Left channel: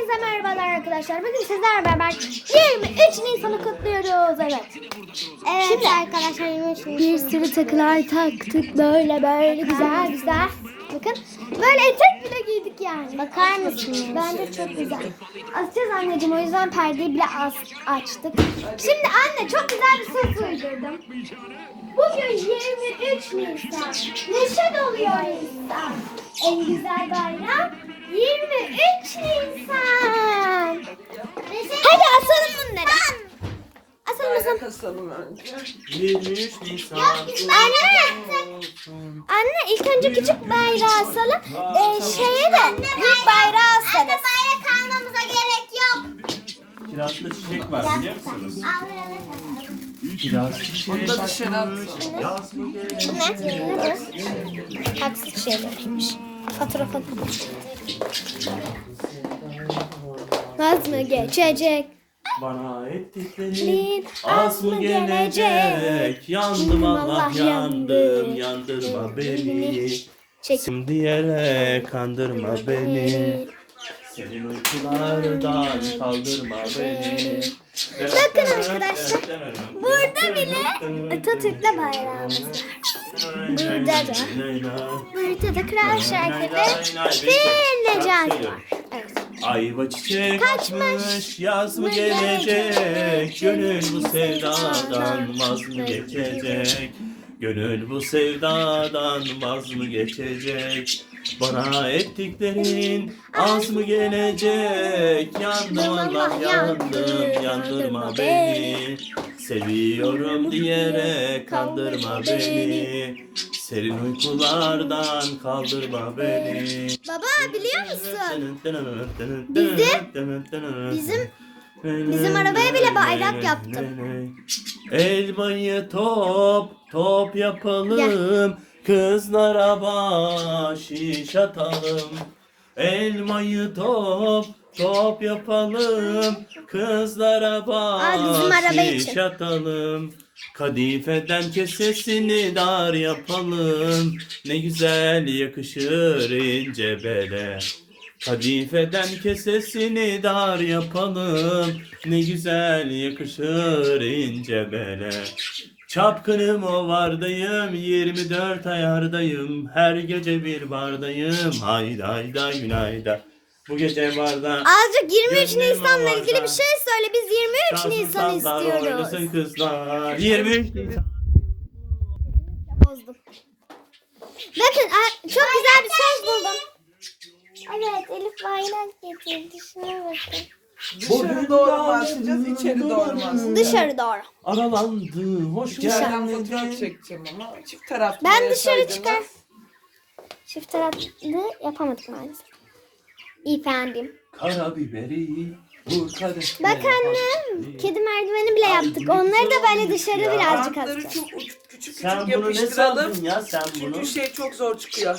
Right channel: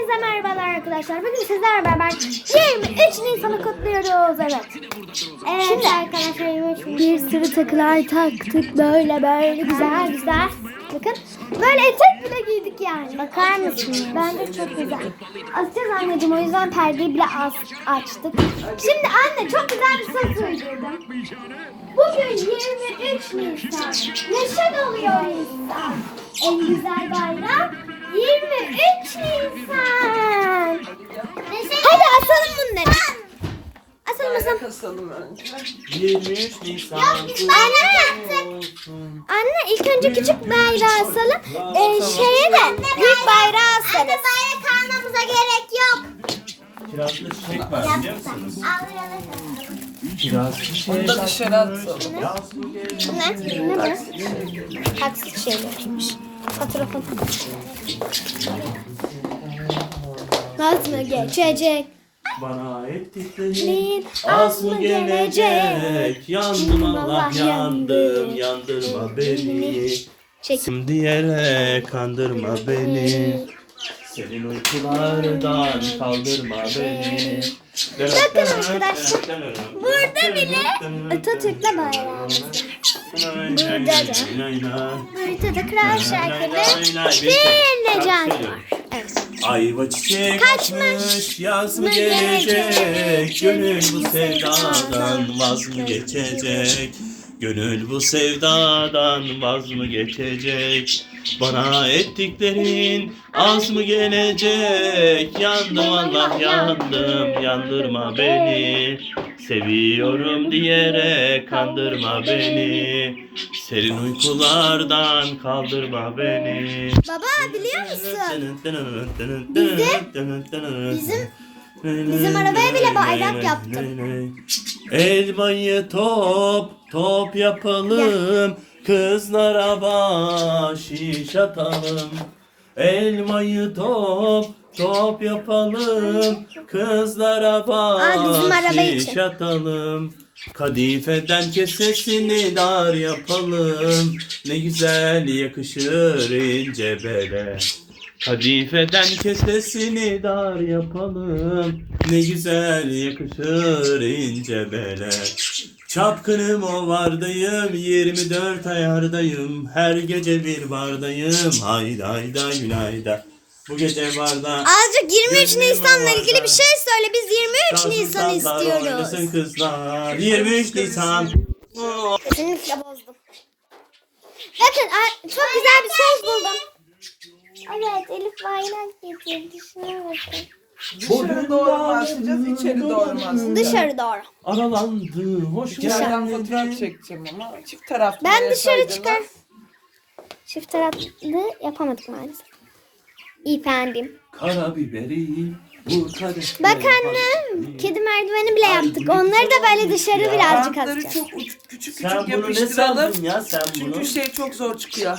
Hepinize merhabalar arkadaşlar. Bugün sizlerle beraber 23 Nisan'ı kutluyoruz. Evet. Şimdi arkadaşlar bir sürü takılar taktık böyle böyle güzel güzel. Bakın böyle etek bile giydik yani. Bakar mısınız? Bence çok güzel. Açacağız anneciğim o yüzden perdeyi bile az açtık. Şimdi anne çok güzel bir söz uydurdum. Bugün 23 Nisan. Neşe doluyor insan. En güzel bayram 23 Nisan. Hadi asalım bunları. Asalım asalım. Kasalım önce. 23 Nisan Anne. Anne ilk önce küçük bayrağı asalım. Ee, şeye de büyük bayrağı asarız. bayrak almamıza gerek yok. Kirazda çiçek var biliyor musunuz? Kiraz çiçek Bunu da dışarı gelecek? Ne? Ne bu? Haksız şeylermiş. Fotoğrafın. Vaz mı geçecek? Bana ettiklerin az mı gelecek? Yandım Allah yandım yandırma beni. Çek. Diyerek kandırma beni. Senin uykulardan kaldırma beni. Bakın arkadaşlar, Burada bile Atatürk'le bayrağımız var. Burada da. Burada da Kral Şarkı'da bir Necati var. Evet. Ayva çiçek açmış, yaz mı gelecek? Gönül bu sevdadan vaz mı geçecek? Gönül bu sevdadan vaz mı geçecek? Bana ettiklerin az mı gelecek? Yandım Allah yandım, yandırma beni. Seviyorum diyerek kandırma beni. Serin uykulardan kaldırma beni. Baba biliyor musun? Bizim bizim arabaya bile bayrak yaptım. Elmayı top top yapalım. Kızlara bahşiş atalım. Elmayı top top yapalım. Kızlara bahşiş atalım. Kadifeden kesesini dar yapalım. Ne güzel yakışır ince bele. Kadifeden kesesini dar yapalım. Ne güzel yakışır ince bele. Çapkınım o vardayım, 24 ayardayım. Her gece bir bardayım. Hayda hayda günayda. Bu gece barda. Azıcık 23 Gönlüm Nisan'la ilgili bir şey söyle. Biz 23 Nisan oynasın istiyoruz. kızlar. 23 Nisan. Kesinlikle bozdum. Bakın çok güzel bir söz buldum. Evet Elif bayrak getirdi. Şuna bakın. Dışarı doğru mu açacağız, içeri doğru mu açacağız? Dışarı doğru. Aralandı, hoş İçeriden geldin. fotoğraf çekeceğim ama çift taraflı. Ben dışarı koydum. çıkar. Çift taraflı yapamadık maalesef. Efendim. Karabiberi vur. Bak annem. Kedi merdiveni bile yaptık. Onları da böyle dışarı birazcık Bantları atacağız. çok uç, küçük Sen küçük bunu ne yapıştıralım. sandın ya sen bunu? Çünkü şey çok zor çıkıyor.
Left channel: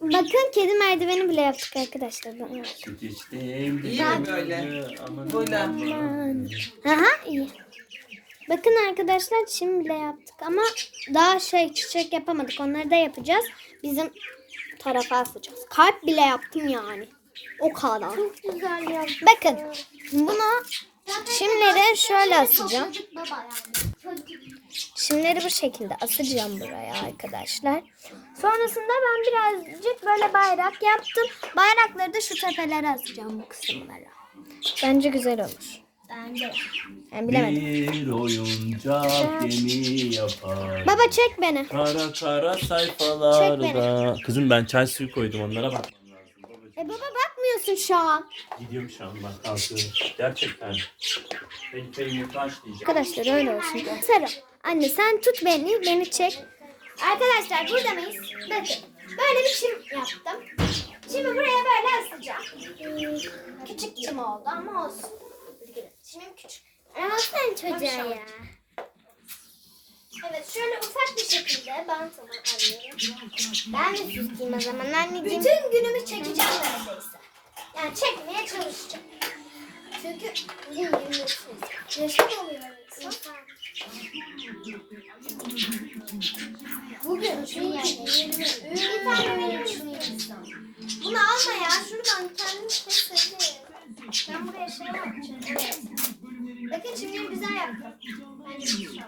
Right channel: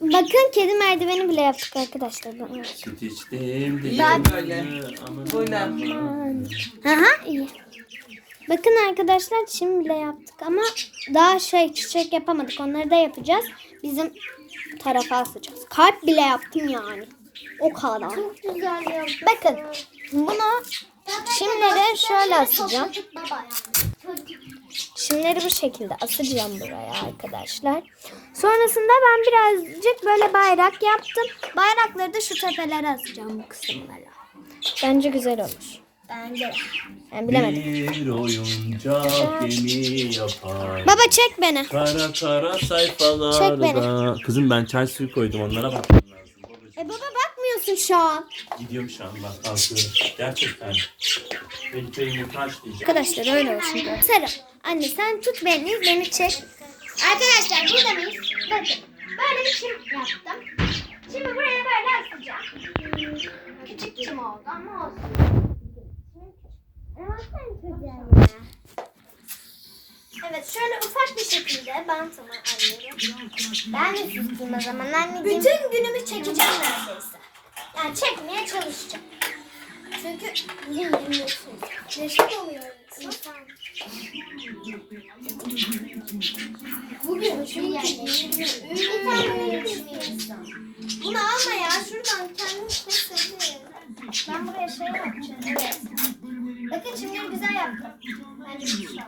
Bakın kedi merdiveni bile yaptık arkadaşlar. Süt içtim. İyi mi böyle? Böyle. Aha iyi. Bakın arkadaşlar çim bile yaptık ama daha şey çiçek yapamadık. Onları da yapacağız. Bizim tarafa asacağız. Kalp bile yaptım yani. O kadar. Çok güzel yaptım. Bakın bunu çimleri şöyle asacağım. Çimleri bu şekilde asacağım buraya arkadaşlar. Sonrasında ben birazcık böyle bayrak yaptım. Bayrakları da şu tepelere asacağım bu kısımlara. Bence güzel olur. Bence. Ben bilemedim. Bir oyuncak gemi yapar. Baba çek beni. Kara kara Çek sayfalarda. Kızım ben çay suyu koydum onlara. Babacığım. E baba bakmıyorsun şu an. Gidiyorum şu an bak kalkıyorum. Gerçekten. Benim çayımı kaç diyeceğim. Arkadaşlar öyle olsun. Sarı. Anne sen tut beni, beni çek. Arkadaşlar burada mıyız? Bakın. Böyle bir çim yaptım. Şimdi buraya böyle asacağım. Küçük çim oldu ama olsun. Çimim küçük. Ama sen çocuğa ya. Evet şöyle ufak bir şekilde bantımı alıyorum. Ben de süsleyeyim o zaman anneciğim. Bütün günümü çekeceğim neredeyse. Yani çekmeye çalışacağım. Çünkü bugün 23 Nisan. Neşe oluyoruz. insan. Bugün şu yerde. Bir tane verir insan. Bunu alma ya şuradan kendin keselim. Ben buraya şey yapacağım. Evet. Bakın şimdi güzel yaptım. Bence güzel.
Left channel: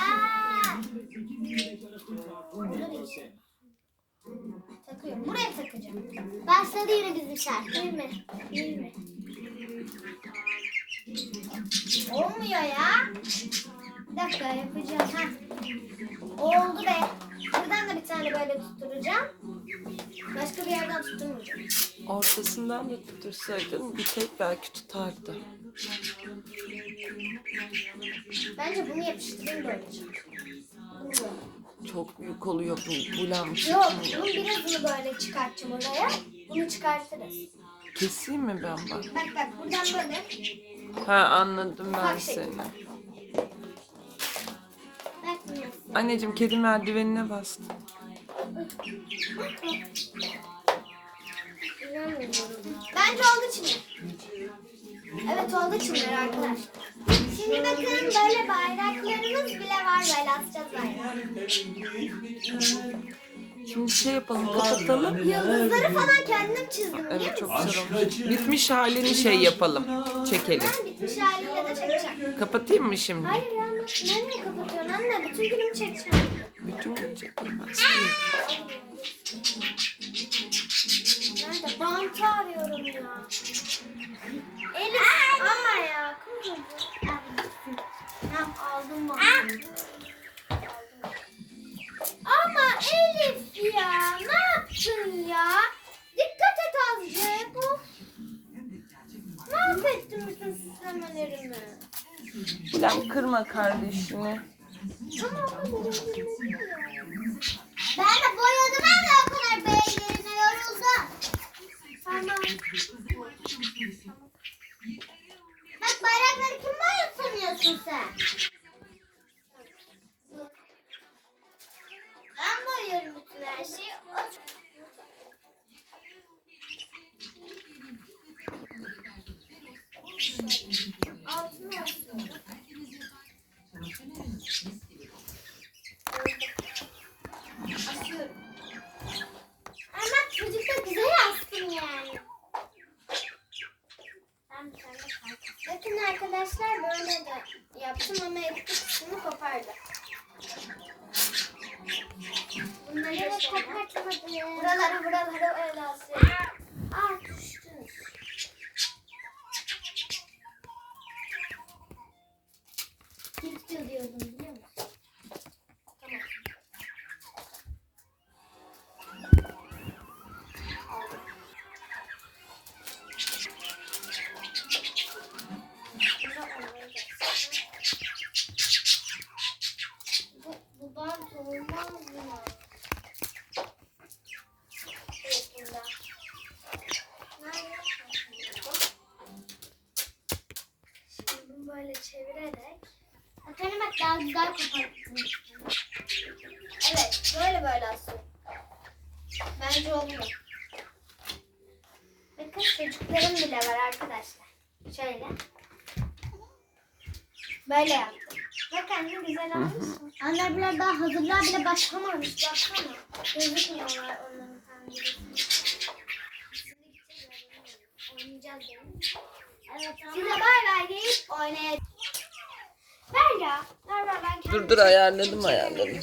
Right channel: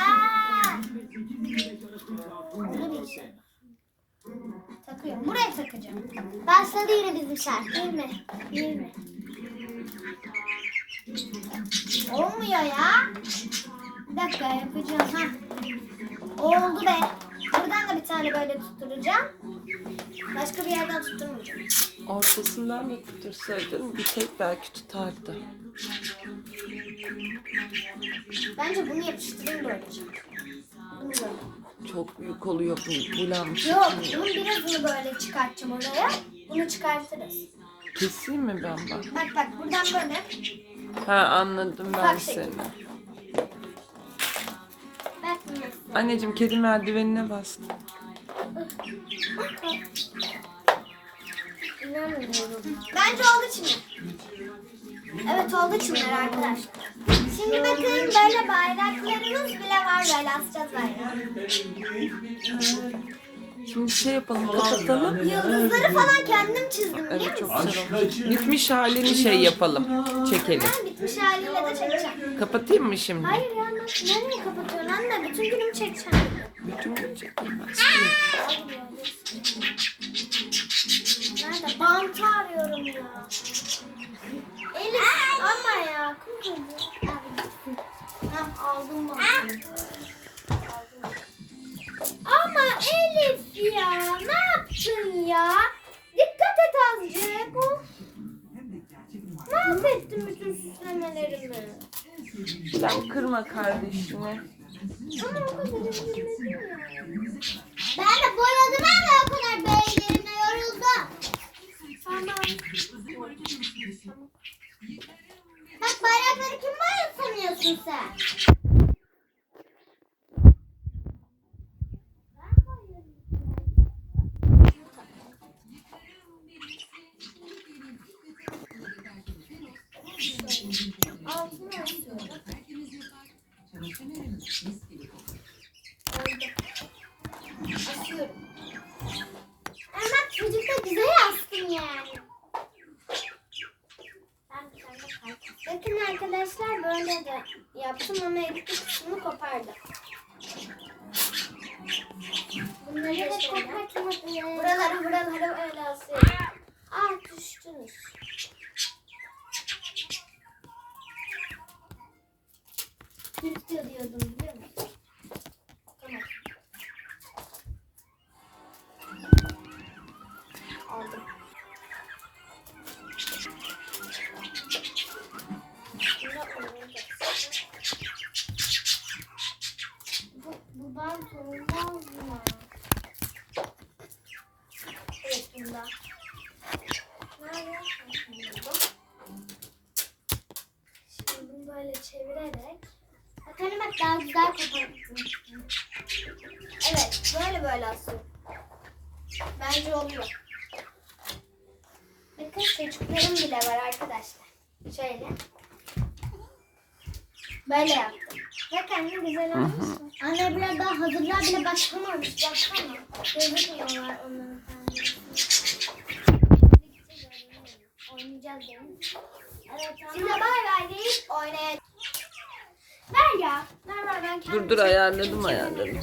Aa! Burada bir şey. Takıyorum. Buraya takacağım. Başladı yine bizim şarkı. Değil mi? Olmuyor ya. Bir dakika yapacağım. Ha. Oldu be. Buradan da bir tane böyle tutturacağım. Başka bir yerden tutturmayacağım. Ortasından da tutursaydın bir tek belki tutardı. Bence bunu yapıştırayım böylece. Bunu böyle. Çok büyük oluyor bu bulam Yok, çıkmıyor. bunun birazını böyle çıkartacağım oraya. Bunu çıkartırız. Keseyim mi ben bak? Bak bak buradan böyle. Ha anladım ben Bak şey. seni. Bak. Anneciğim kedi merdivenine bastı. İnanmıyorum. Bence oldu şimdi. Evet oldu şimdi arkadaşlar. Şimdi bakın böyle bayraklarımız bile var asacağız bayrağı. Şimdi şey yapalım kapatalım. Yıldızları falan kendim çizdim Evet çok güzel olmuş. Bitmiş halini şey yapalım. Çekelim. Ben bitmiş haliyle de çekeceğim. Kapatayım mı şimdi? Hayır ya nereye kapatıyorsun anne? Bütün günümü çekeceğim. Bütün gün çekilmez. Nerede? Bantı arıyorum ya. Elif ama ya. Kuzum. Tamam aldım bantı. Ama Elif ya ne yaptın ya? Dikkat et azıcık. Of. Mahvettin bütün süslemelerimi. Bilal kırma kardeşini. Ama o kadar üzülmedim ya. Ben de boyadım ama o kadar beğenlerine yoruldum. Tamam. Bak bayrakları kim boyuyor sanıyorsun sen? Ben boyuyorum bütün her şeyi. Altını asıyorum. Asıyorum. Ama bak çocuk da güzel astım yani. Ben bir tane kalk- Bakın arkadaşlar böyle de yaptım ama elbette kısmını kopardı. Bunları da kopartmadım. Buraları buraları öyle asıyorum. Ah düştünüz. Gitti diyordum daha güzel koparttım. Evet böyle böyle asıl. Bence oluyor. Bakın çocuklarım bile var arkadaşlar. Şöyle. Böyle yaptım. Bak anne güzel olmuş mu? Anne biraz daha hazırlığa bile başlamamış. Baksana. Gözükmüyorlar onların penceresi. Oynayacağız değil mi? Evet. Şimdi bay bay deyip oynayacağız. Ver ya. Ver ver ben kendim Dur dur ayarladım ayarladım.